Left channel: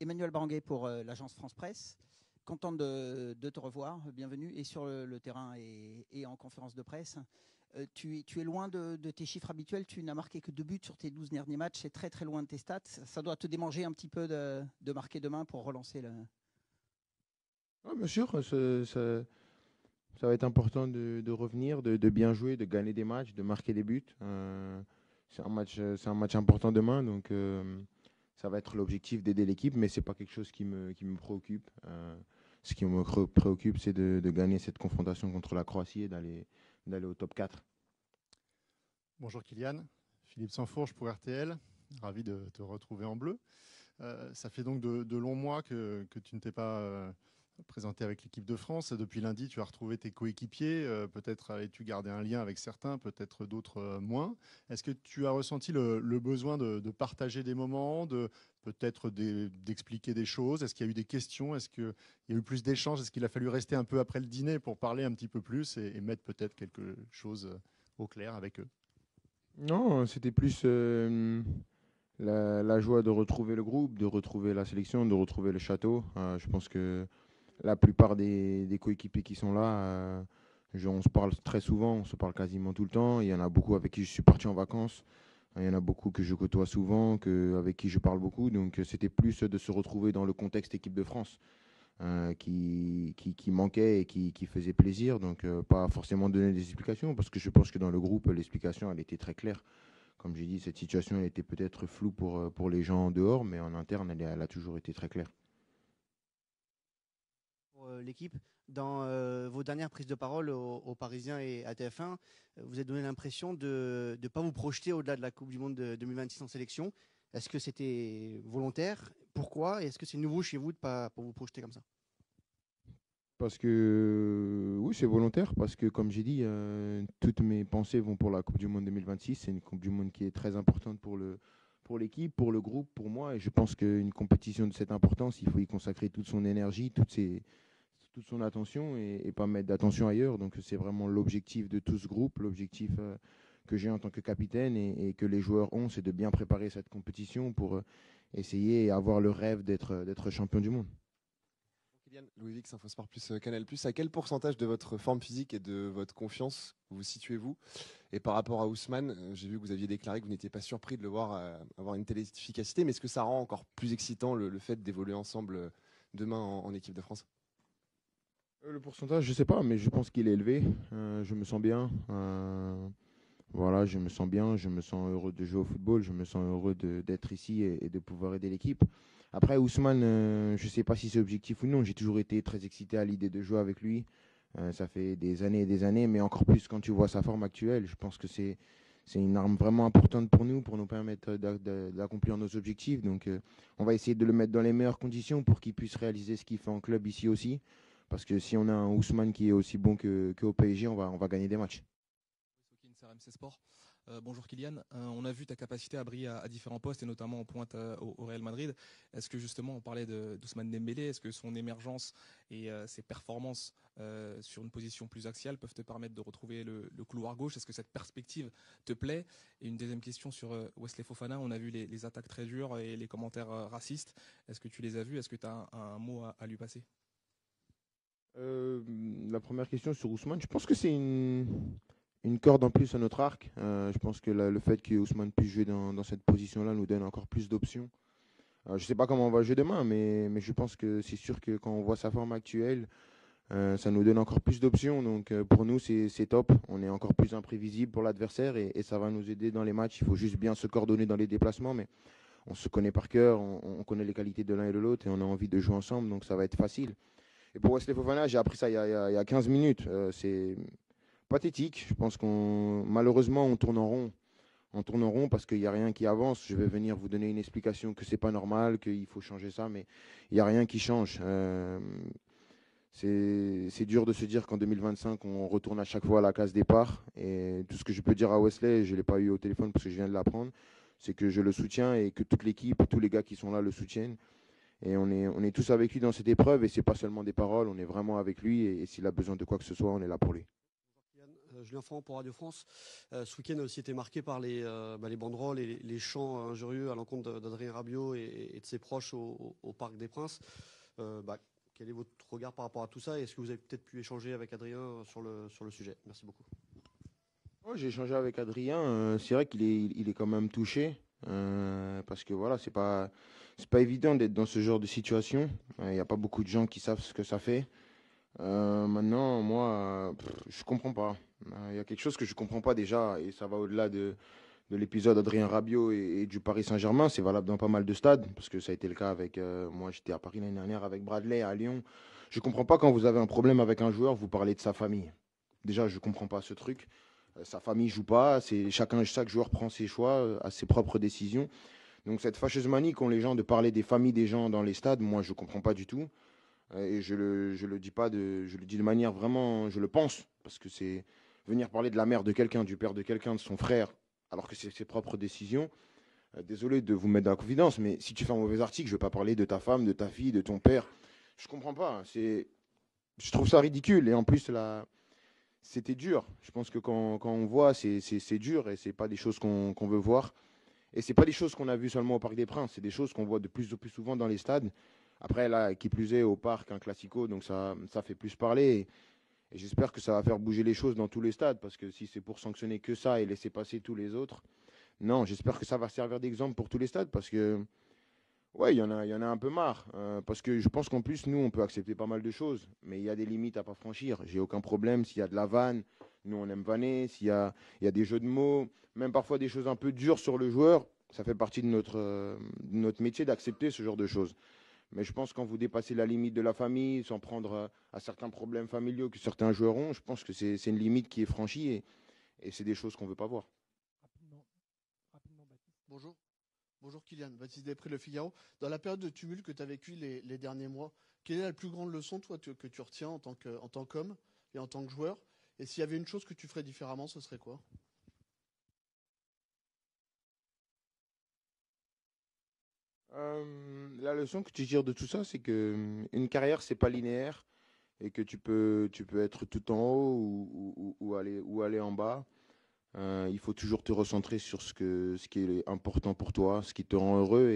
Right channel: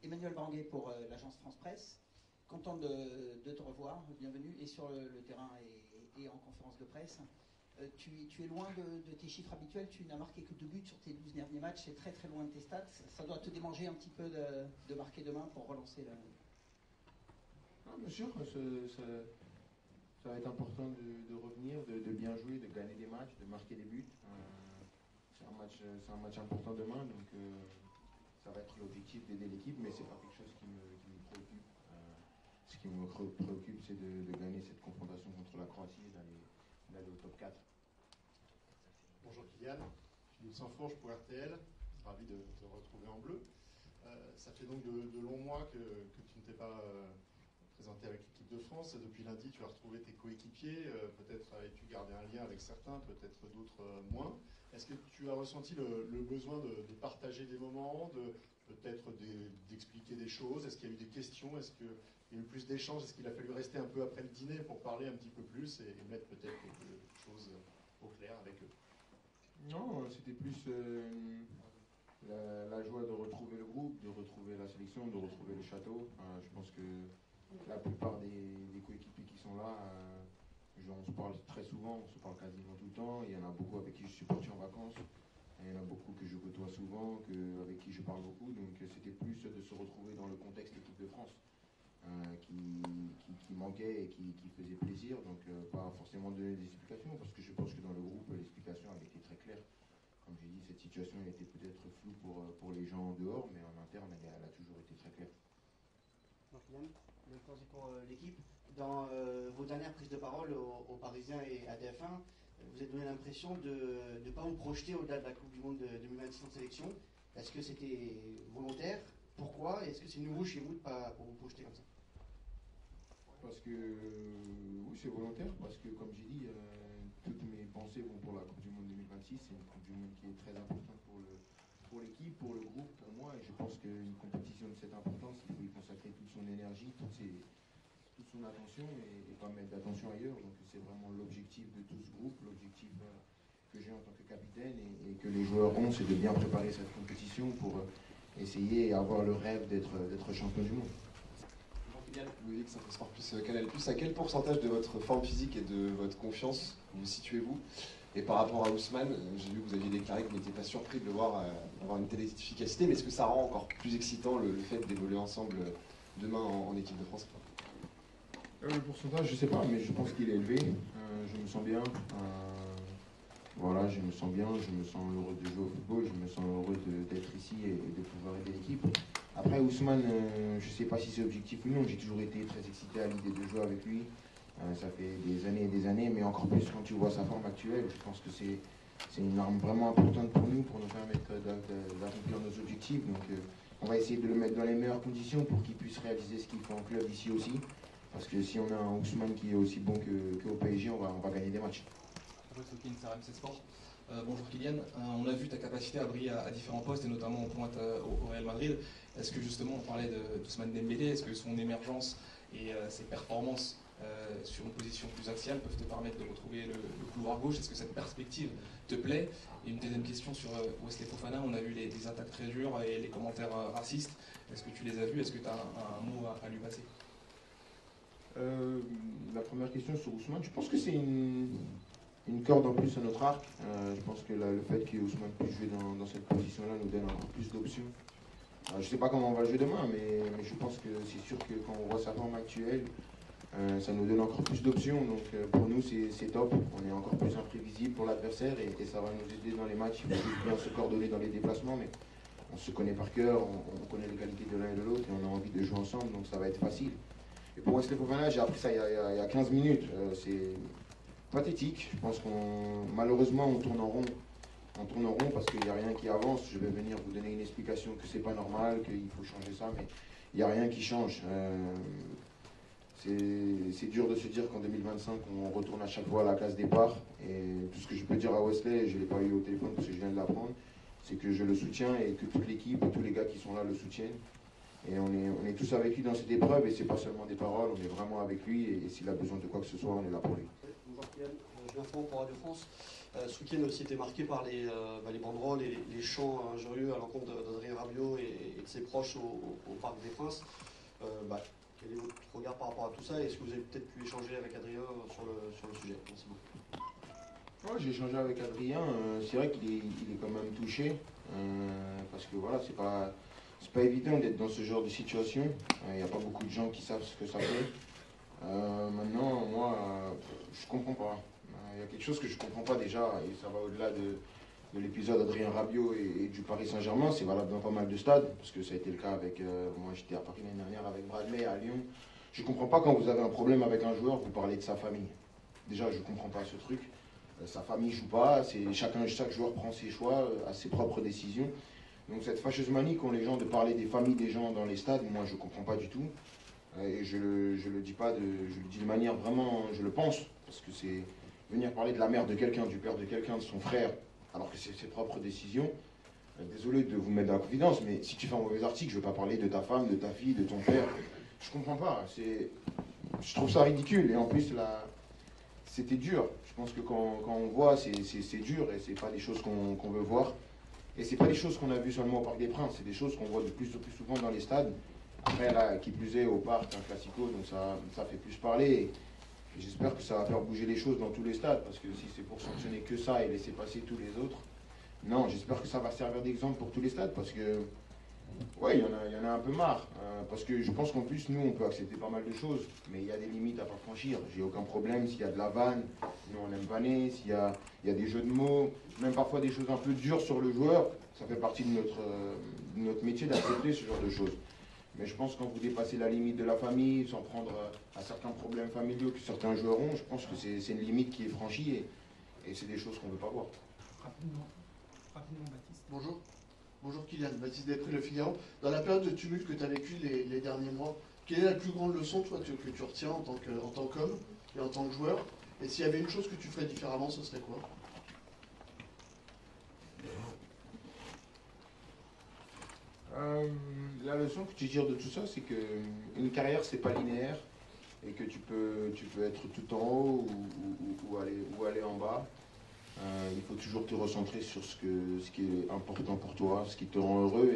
Emmanuel Baranguet pour l'agence France Presse. Content de te revoir, bienvenue, et sur le terrain et en conférence de presse. Tu es loin de tes chiffres habituels, tu n'as marqué que 2 buts sur tes 12 derniers matchs, c'est très très loin de tes stats. Ça doit te démanger un petit peu de marquer demain pour relancer le... Ah, bien sûr, ça va être important de revenir, de bien jouer, de gagner des matchs, de marquer des buts. C'est un match important demain, donc ça va être l'objectif d'aider l'équipe, mais c'est pas quelque chose qui me préoccupe. Ce qui me préoccupe, c'est de gagner cette confrontation contre la Croatie et d'aller au top 4. Bonjour Kylian, Philippe Sansfourche pour RTL, ravi de te retrouver en bleu. Ça fait donc de longs mois que tu ne t'es pas présenté avec l'équipe de France. Depuis lundi, tu as retrouvé tes coéquipiers. Peut-être avais-tu gardé un lien avec certains, peut-être d'autres moins. Est-ce que tu as ressenti le besoin de partager des moments, peut-être d'expliquer des choses? Est-ce qu'il y a eu des questions? Est-ce qu'il y a eu plus d'échanges? Est-ce qu'il a fallu rester un peu après le dîner pour parler un petit peu plus et mettre peut-être quelque chose au clair avec eux? Non, c'était plus la joie de retrouver le groupe, de retrouver la sélection, de retrouver le château. Je pense que la plupart des coéquipiers qui sont là, on se parle très souvent, on se parle quasiment tout le temps. Il y en a beaucoup avec qui je suis parti en vacances. Il y en a beaucoup que je côtoie souvent, avec qui je parle beaucoup. Donc c'était plus de se retrouver dans le contexte équipe de France qui manquait et qui faisait plaisir. Donc pas forcément donner des explications, parce que je pense que dans le groupe, l'explication, elle était très claire. Comme j'ai dit, cette situation elle était peut-être floue pour les gens en dehors, mais en interne, elle a toujours été très claire. Pour l'équipe, dans vos dernières prises de parole aux Parisiens et à TF1, vous avez donné l'impression de ne pas vous projeter au-delà de la Coupe du Monde de 2026 en sélection. Est-ce que c'était volontaire? Pourquoi? Et est-ce que c'est nouveau chez vous de ne pas vous projeter comme ça? Parce que oui, c'est volontaire, parce que comme j'ai dit, toutes mes pensées vont pour la Coupe du Monde 2026. C'est une Coupe du Monde qui est très importante pour l'équipe, pour le groupe, pour moi. Et je pense qu'une compétition de cette importance, il faut y consacrer toute son énergie, toute son attention et pas mettre d'attention ailleurs. Donc c'est vraiment l'objectif de tout ce groupe, l'objectif que j'ai en tant que capitaine et que les joueurs ont, c'est de bien préparer cette compétition pour essayer et avoir le rêve d'être champion du monde. Loïc, Saint-Phosphore plus Canal+. À quel pourcentage de votre forme physique et de votre confiance vous situez-vous? Et par rapport à Ousmane, j'ai vu que vous aviez déclaré que vous n'étiez pas surpris de le voir avoir une telle efficacité, mais est-ce que ça rend encore plus excitant le fait d'évoluer ensemble demain en équipe de France? Le pourcentage, je sais pas, mais je pense qu'il est élevé. Je me sens bien. Voilà, je me sens bien, je me sens heureux de jouer au football, je me sens heureux d'être ici et de pouvoir aider l'équipe. Après, Ousmane, je ne sais pas si c'est objectif ou non, j'ai toujours été très excité à l'idée de jouer avec lui. Ça fait des années et des années, mais encore plus quand tu vois sa forme actuelle, je pense que c'est une arme vraiment importante pour nous permettre d'accomplir nos objectifs. Donc on va essayer de le mettre dans les meilleures conditions pour qu'il puisse réaliser ce qu'il fait en club ici aussi. Parce que si on a un Ousmane qui est aussi bon qu'au PSG, on va gagner des matchs. Bonjour Kylian, on a vu ta capacité à briller à différents postes et notamment en pointe au Real Madrid. Est-ce que justement on parlait d'Ousmane Dembélé, est-ce que son émergence et ses performances sur une position plus axiale peuvent te permettre de retrouver le couloir gauche? Est-ce que cette perspective te plaît? Et une deuxième question sur Wesley Fofana, on a vu les attaques très dures et les commentaires racistes. Est-ce que tu les as vus? Est-ce que tu as un mot à lui passer? La première question sur Ousmane, je pense que c'est une corde en plus à notre arc. Je pense que le fait que Ousmane puisse jouer dans cette position-là nous donne encore plus d'options. Je ne sais pas comment on va jouer demain, mais je pense que c'est sûr que quand on voit sa forme actuelle, ça nous donne encore plus d'options. Donc pour nous, c'est top. On est encore plus imprévisible pour l'adversaire et ça va nous aider dans les matchs. Il faut juste bien se coordonner dans les déplacements, mais on se connaît par cœur, on connaît les qualités de l'un et de l'autre et on a envie de jouer ensemble, donc ça va être facile. Et pour Wesley Fofana, j'ai appris ça il y a 15 minutes. C'est pathétique. Je pense malheureusement, on tourne en rond. On tourne en rond parce qu'il n'y a rien qui avance. Je vais venir vous donner une explication que c'est pas normal, qu'il faut changer ça, mais il n'y a rien qui change. C'est dur de se dire qu'en 2025, on retourne à chaque fois à la case départ. Et tout ce que je peux dire à Wesley, je ne l'ai pas eu au téléphone parce que je viens de l'apprendre, c'est que je le soutiens et que toute l'équipe et tous les gars qui sont là le soutiennent. Et on est tous avec lui dans cette épreuve et c'est pas seulement des paroles, on est vraiment avec lui et s'il a besoin de quoi que ce soit, on est là pour lui. Bonjour Kylian, Julien Font pour Radio France. Ce week-end a aussi été marqué par les banderoles et les chants injurieux à l'encontre d'Adrien Rabiot et de ses proches au Parc des Princes. Quel est votre regard par rapport à tout ça? Est-ce que vous avez peut-être pu échanger avec Adrien sur le sujet? Merci beaucoup. Moi, j'ai échangé avec Adrien. C'est vrai qu'il est quand même touché. Parce que voilà, c'est pas évident d'être dans ce genre de situation. Il n'y a pas beaucoup de gens qui savent ce que ça fait. Maintenant, moi, je comprends pas. Il y a quelque chose que je comprends pas déjà, et ça va au-delà de l'épisode Adrien Rabiot et du Paris Saint-Germain. C'est valable dans pas mal de stades, parce que ça a été le cas avec. Moi, j'étais à Paris l'année dernière avec Bradley à Lyon. Je comprends pas quand vous avez un problème avec un joueur, vous parlez de sa famille. Déjà, je comprends pas ce truc. Sa famille joue pas, chaque joueur prend ses choix, a ses propres décisions. Donc cette fâcheuse manie qu'ont les gens de parler des familles des gens dans les stades, moi je comprends pas du tout. Et je le dis pas je le dis de manière vraiment, je le pense, parce que c'est venir parler de la mère de quelqu'un, du père de quelqu'un, de son frère, alors que c'est ses propres décisions. Désolé de vous mettre dans la confidence, mais si tu fais un mauvais article, je veux pas parler de ta femme, de ta fille, de ton père. Je comprends pas. Je trouve ça ridicule. Et en plus c'était dur. Je pense que quand on voit, c'est dur et c'est pas des choses qu'on veut voir. Et c'est pas des choses qu'on a vues seulement au Parc des Princes, c'est des choses qu'on voit de plus en plus souvent dans les stades. Après, là, qui plus est, au Parc, un classico, donc ça fait plus parler. Et j'espère que ça va faire bouger les choses dans tous les stades, parce que si c'est pour sanctionner que ça et laisser passer tous les autres, non, j'espère que ça va servir d'exemple pour tous les stades, parce que, ouais, il y en a un peu marre. Parce que je pense qu'en plus, nous, on peut accepter pas mal de choses, mais il y a des limites à pas franchir. J'ai aucun problème s'il y a de la vanne, nous on aime vanner, s'il y a des jeux de mots, même parfois des choses un peu dures sur le joueur, ça fait partie de notre métier d'accepter ce genre de choses. Mais je pense que quand vous dépassez la limite de la famille, sans prendre à certains problèmes familiaux que certains joueurs ont, je pense que c'est une limite qui est franchie et c'est des choses qu'on ne veut pas voir. Rapidement, Baptiste. Bonjour. Bonjour Kylian, Baptiste Després, Le Figaro. Dans la période de tumulte que tu as vécu les derniers mois, quelle est la plus grande leçon toi, que tu retiens en tant qu'homme et en tant que joueur? Et s'il y avait une chose que tu ferais différemment, ce serait quoi? La leçon que tu tires de tout ça, c'est que une carrière, c'est pas linéaire et que tu peux être tout en haut ou aller en bas. Il faut toujours te recentrer sur ce qui est important pour toi, ce qui te rend heureux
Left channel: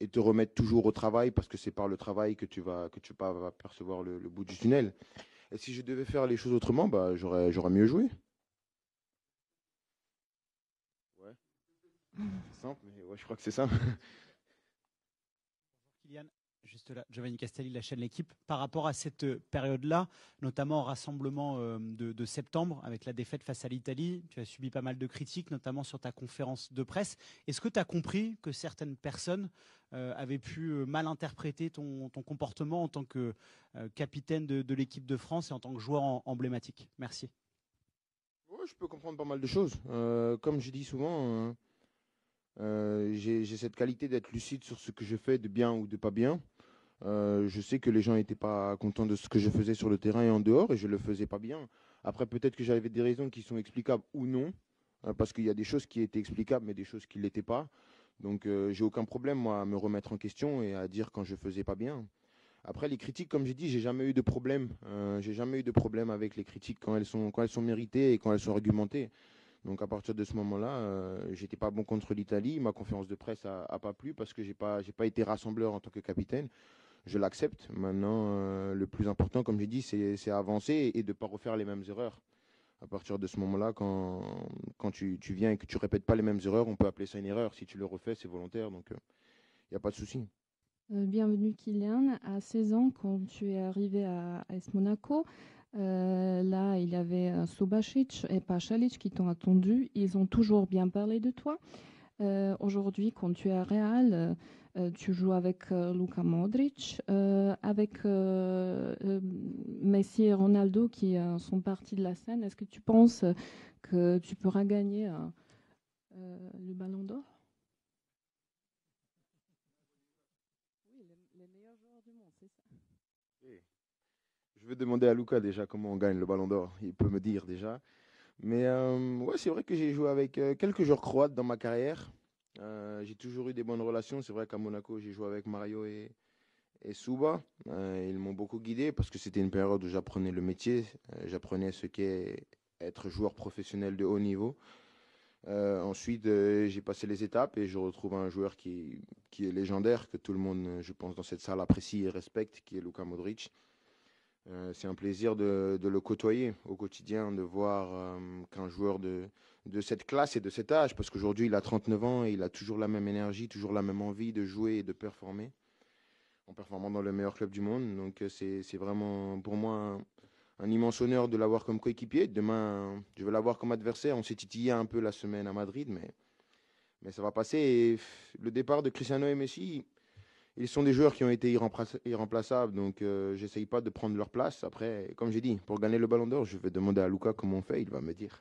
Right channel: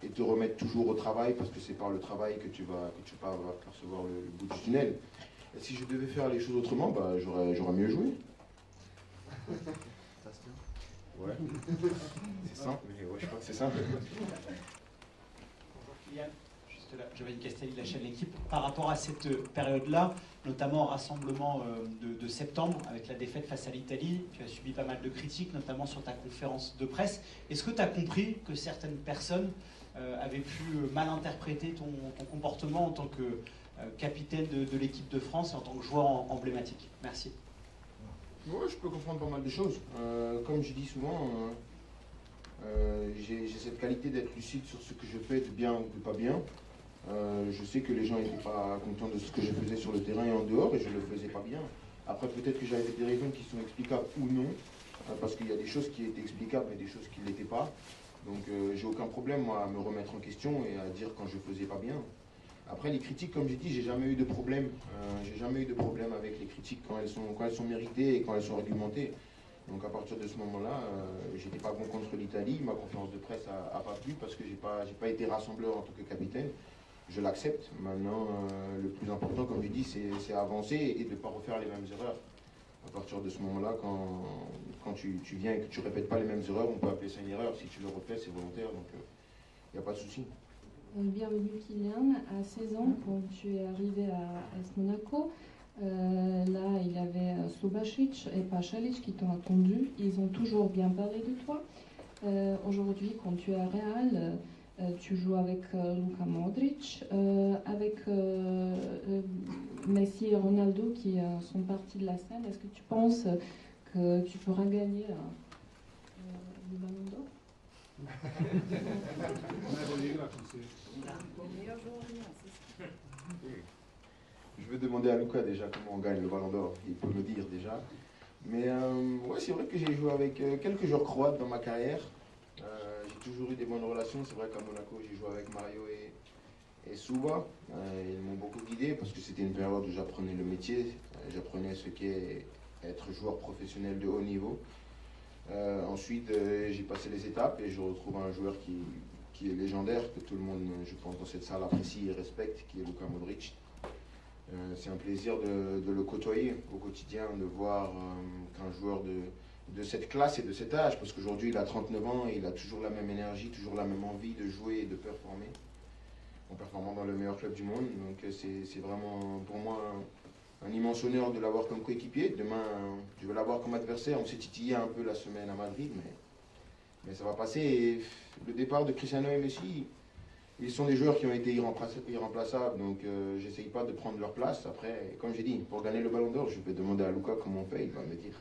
et te remettre toujours au travail parce que c'est par le travail que tu vas percevoir le bout du tunnel. Et si je devais faire les choses autrement, j'aurais mieux joué. Ouais. C'est ça. Ouais, je crois que c'est ça. Juste là, Joël Castelli de la chaîne L'équipe. Par rapport à cette période-là, notamment au rassemblement de septembre, avec la défaite face à l'Italie, tu as subi pas mal de critiques, notamment sur ta conférence de presse. Est-ce que tu as compris que certaines personnes avaient pu mal interpréter ton comportement en tant que capitaine de l'équipe de France et en tant que joueur emblématique? Merci. Ouais, je peux comprendre pas mal de choses. Comme je dis souvent, j'ai cette qualité d'être lucide sur ce que je fais, de bien ou de pas bien. Je sais que les gens n'étaient pas contents de ce que je faisais sur le terrain et en dehors, et je le faisais pas bien. Après, peut-être que j'avais des raisons qui sont explicables ou non, parce qu'il y a des choses qui étaient explicables, mais des choses qui ne l'étaient pas. Donc, j'ai aucun problème, moi, à me remettre en question et à dire quand je faisais pas bien. Après, les critiques, comme j'ai dit, j'ai jamais eu de problème. J'ai jamais eu de problème avec les critiques quand elles sont méritées et quand elles sont argumentées. Donc à partir de ce moment-là, j'étais pas bon contre l'Italie. Ma conférence de presse a pas plu parce que j'ai pas été rassembleur en tant que capitaine. Je l'accepte. Maintenant, le plus important, comme je dis, c'est avancer et de ne pas refaire les mêmes erreurs. À partir de ce moment-là, quand tu viens et que tu répètes pas les mêmes erreurs, on peut appeler ça une erreur. Si tu le refais, c'est volontaire, donc il n'y a pas de souci. Bienvenue Kylian. À 16 ans, quand tu es arrivé à AS Monaco, là il y avait Subasic et Pasalic qui t'ont attendu. Ils ont toujours bien parlé de toi. Aujourd'hui, quand tu es à Real, tu joues avec Luka Modric, avec Messi et Ronaldo qui sont partis de la scène. Est-ce que tu penses que tu pourras gagner le Ballon d'Or? Je vais demander à Luka déjà comment on gagne le Ballon d'Or. Il peut me dire déjà. Mais ouais, c'est vrai que j'ai joué avec quelques joueurs croates dans ma carrière. J'ai toujours eu des bonnes relations. C'est vrai qu'à Monaco, j'ai joué avec Mario et Suba. Ils m'ont beaucoup guidé parce que c'était une période où j'apprenais le métier. J'apprenais ce qu'est être joueur professionnel de haut niveau. Ensuite, j'ai passé les étapes et je retrouve un joueur qui est légendaire, que tout le monde, je pense, dans cette salle apprécie et respecte, qui est Luka Modric. C'est un plaisir de le côtoyer au quotidien, de voir qu'un joueur de cette classe et de cet âge, parce qu'aujourd'hui il a 39 ans et il a toujours la même énergie, toujours la même envie de jouer et de performer, en performant dans le meilleur club du monde. Donc c'est vraiment pour moi un immense honneur de l'avoir comme coéquipier. Demain, je vais l'avoir comme adversaire. On s'est titillé un peu la semaine à Madrid, mais ça va passer. Et le départ de Cristiano et Messi, ils sont des joueurs qui ont été irremplaçables, donc j'essaye pas de prendre leur place. Après, comme j'ai dit, pour gagner le Ballon d'Or, je vais demander à Luka comment on fait, il va me dire.